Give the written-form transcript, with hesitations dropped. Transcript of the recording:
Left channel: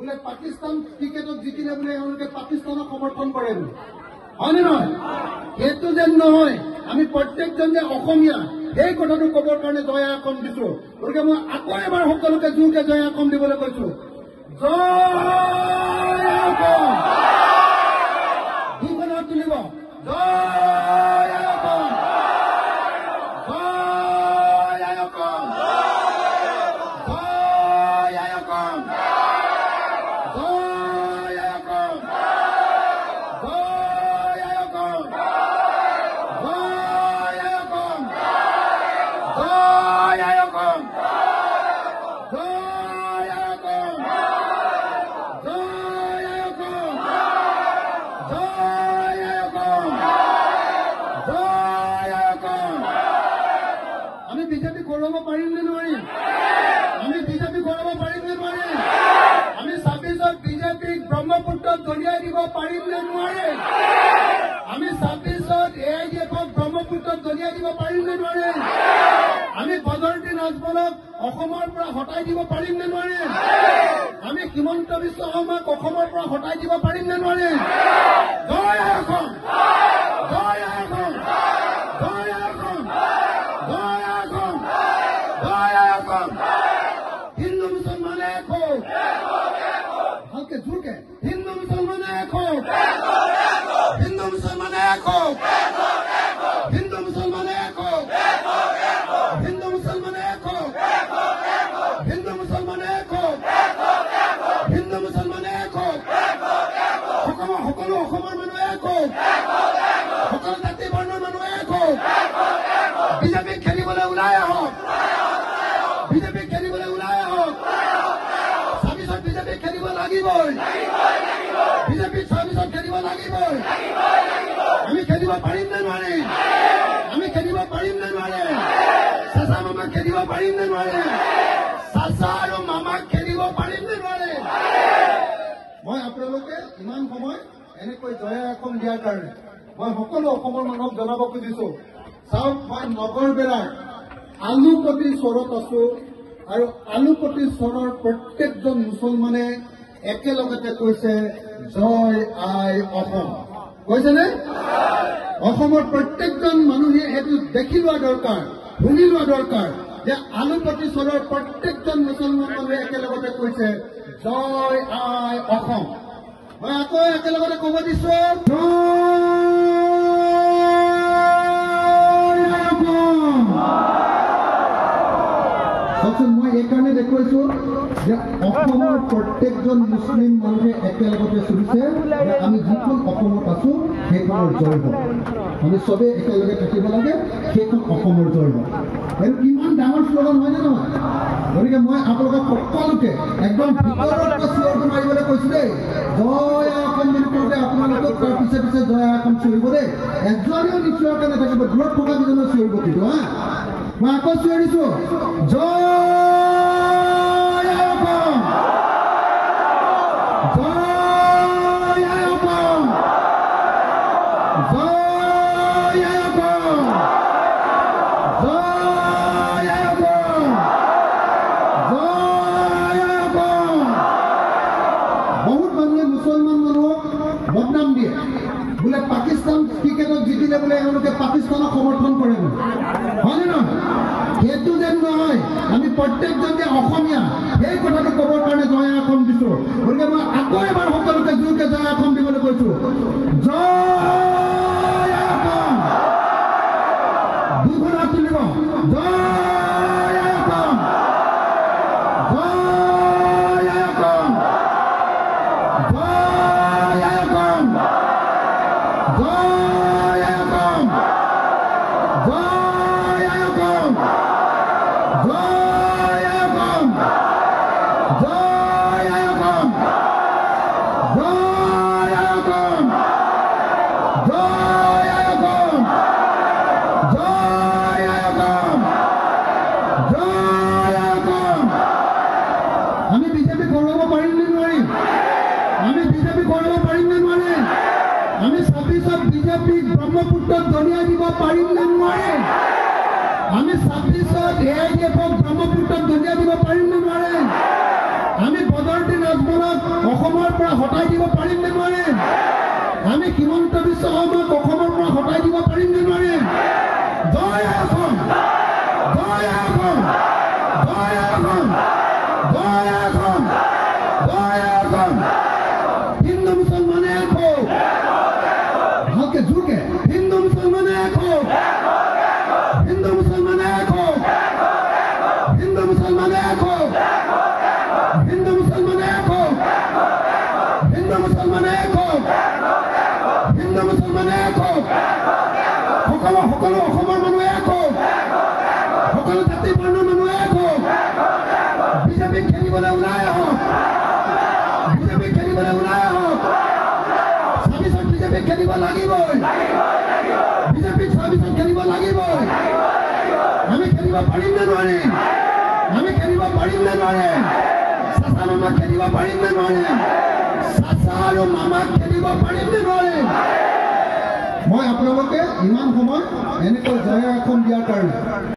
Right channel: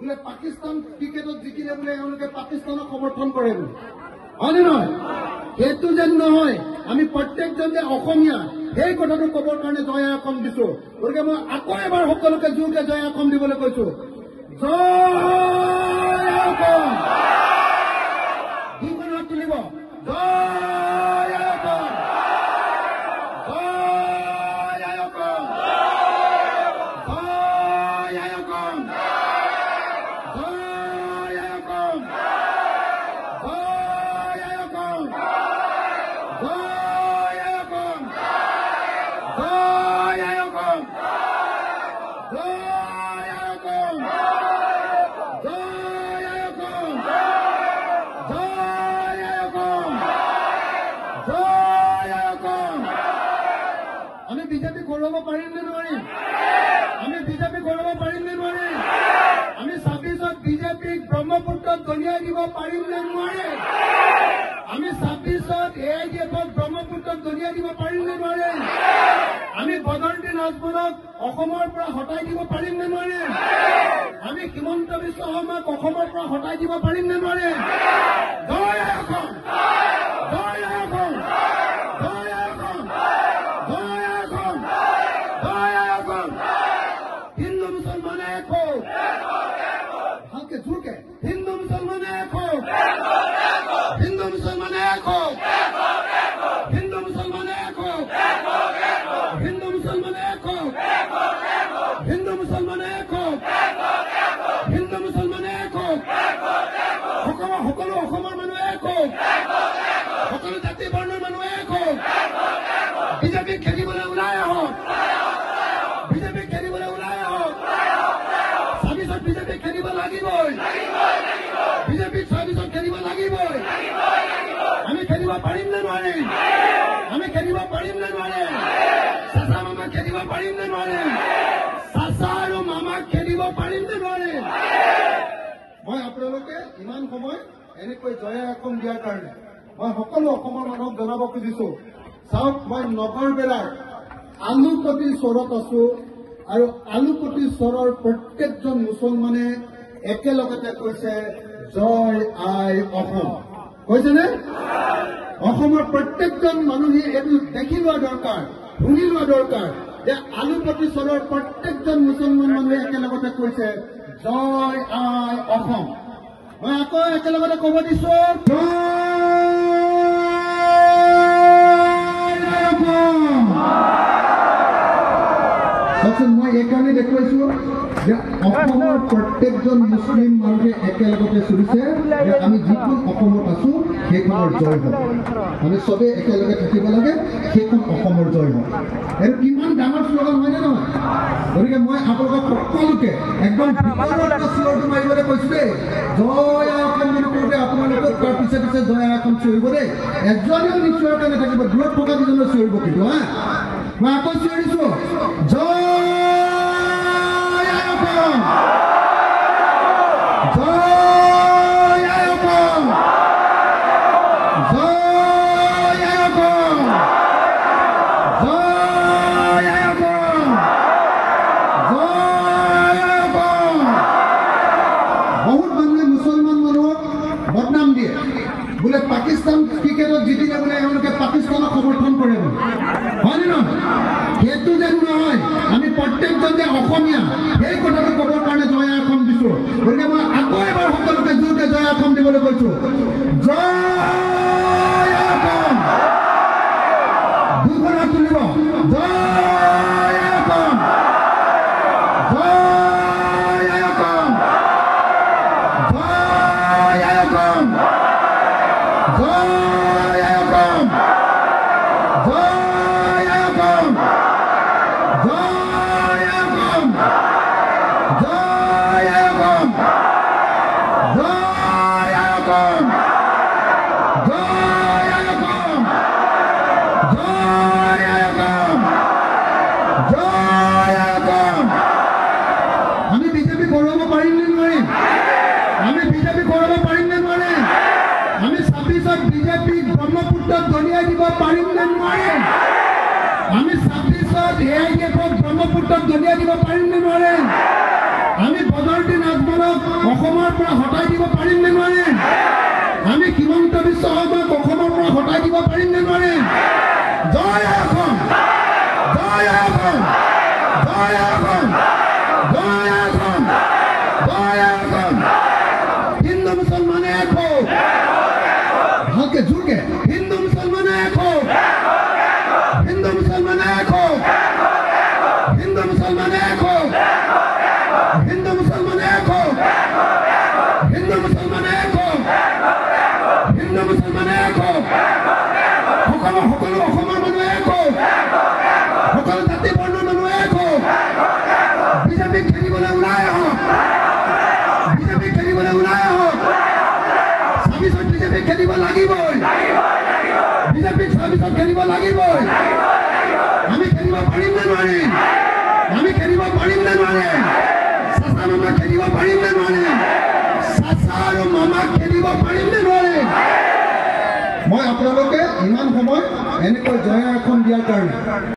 বোলে পাকিস্তান ক্ৰিকেটত জিকিলে বোলে এওঁলোকে পাকিস্তানক সমৰ্থন কৰে বোলে হয়নে নহয় এইটো যেন নহয় আমি প্ৰত্যেকজন যে অসমীয়া এই কথাটো ক'বৰ কাৰণে জয় অসম দিছো গতিকে মই আকৌ এবাৰ সকলোকে জোৰকে জয় অসম দিবলৈ কৈছো দুখনত তুলিব আমি বিজেপি কৰিব পাৰিম নে নোৱাৰিম আমি বিজেপি কৰিব পাৰিম নে নোৱাৰিম আমি ২৬ত বিজেপিক ব্ৰহ্মপুত্ৰত দলিয়াই দিব পাৰিম নে নোৱাৰিম আমি ২৬ত AIDFক ব্ৰহ্মপুত্ৰত দলিয়াই দিব পাৰিম নে নোৱাৰিম আমি বদৰুদ্দিন আজমলক অসমৰ পৰা হটাই দিব পাৰিম নে নোৱাৰিম আমি হিমন্ত বিশ্ব শৰ্মাক অসমৰ পৰা হটাই দিব পাৰিম নে নোৱাৰিম জয় অসম জয় অসম জয় অসম জয় অসম জয় অসম হিন্দু মুসলমান এক হো হাতে জুড়ে হিন্দু মুসলমান এক হো হিন্দু মুসলমান এক হো হিন্দু মুসলমান এক হো হিন্দু মুসলমান এক হো হিন্দু মুসলমান এক হো হিন্দু মুসলমান এক হো সকলো অসমৰ মানুহ এক হো সকলো জাতি বৰ্ণৰ মানুহ এক হো বিজেপি খেলিবলৈ ওলাই আহক বিজেপি খেলিবলৈ ওলাই আহক ২৬ত বিজেপি খেলিব লাগিবই বিজেপি ২৬ত খেলিব লাগিবই আমি খেলিব পাৰিম নে নোৱাৰিম আমি খেলিব পাৰিম নে নোৱাৰিম চাচা মামাক খেলিব পাৰিম নে নোৱাৰিম চাচা আৰু মামাক খেলিব পাৰিম নে নোৱাৰিম মই আপোনালোকে ইমান সময় এনেকৈ জয় অসম দিয়াৰ কাৰণে মই সকলো অসমৰ মানুহক জনাব খুজিছো চাওক মই নগৰবেলাৰ আলুপতি চৰত আছো আৰু আলুপতি চৰৰ প্ৰত্যেকজন মুছলমানে একেলগতে কৈছে জয় আই অসম কৈছেনে অসমৰ প্ৰত্যেকজন মানুহে এইটো দেখি লোৱা দৰকাৰ শুনি লোৱা দৰকাৰ যে আলুপতি চৰৰ প্ৰত্যেকজন মুছলমান মানুহে একেলগতে কৈছে জয় আই অসম মই আকৌ একেলগতে ক'ব দিছো মই এইকাৰণে দেখুৱাইছো যে অসমৰ প্ৰত্যেকজন মুছলিম মানুহে একেলগতে চলিছে যে আমি যিখন অসমত আছো সেইখনৰ জয় হওক আমি চবেই একেলগে থাকিব লাগে সেইখন অসমৰ জয় হওক এইটো কিমান ডাঙৰ শ্লোগান হয়নে নহয় গতিকে মই আপোনালোকক সকলোকে একদম মাৰিবলৈ কৈছো দেই জয় অসম বুলি কওঁতে আপোনালোকক তাৰ পিছে পিছে জয় অসম চিঞৰিব দেই এজনেও নিশ্চয়কৈ নাথাকিব দূৰত থকা কেইজনে চিঞৰিব কিন্তু হা মই আকৌ চিঞৰিছো জয় বহুত মানুহে মুছলমান মানুহক বদনাম দিয়ে বোলে পাকিস্তান ক্ৰিকেটত জিকিলে বোলে এওঁলোকে পাকিস্তানক সমৰ্থন কৰে হয়নে নহয় সেইটো যেন নহয় আমি প্ৰত্যেকজন যে অসমীয়া সেই কথাটো ক'বৰ কাৰণে জয় অসম দিছো গতিকে মই আকৌ এবাৰ সকলোকে জোৰকে জয় অসম দিবলৈ কৈছো জয় অসম দুখনত তুলিব জয় অসম জয় অসম জয় অসম জয় অসম জয় অসম জয় অসম জয় অসম জয় অসম জয় অসম জয় অসম জয় অসম আমি বিজেপি কৰিব পাৰিম নে নোৱাৰিম আমি বিজেপি কৰিব পাৰিম নে নোৱাৰিম আমি ২৬ত বিজেপিক ব্ৰহ্মপুত্ৰত দলিয়াই দিব পাৰিম নে নোৱাৰিম আমি ২৬ত AIDFক ব্ৰহ্মপুত্ৰত দলিয়াই দিব পাৰিম নে নোৱাৰিম আমি বদৰুদ্দিন আজমলক লাগিবই আমি খেলিব পাৰিম নে নোৱাৰিম আমি খেলিব পাৰিম নে নোৱাৰিম চাচা মামা খেলিব পাৰিম নে নোৱাৰিম চাচা আৰু মামা খেলিব পাৰিম নে নোৱাৰিম মই আপোনালোকে ইমান সময় এনেকৈ জয় এখন দিয়াৰ কাৰণে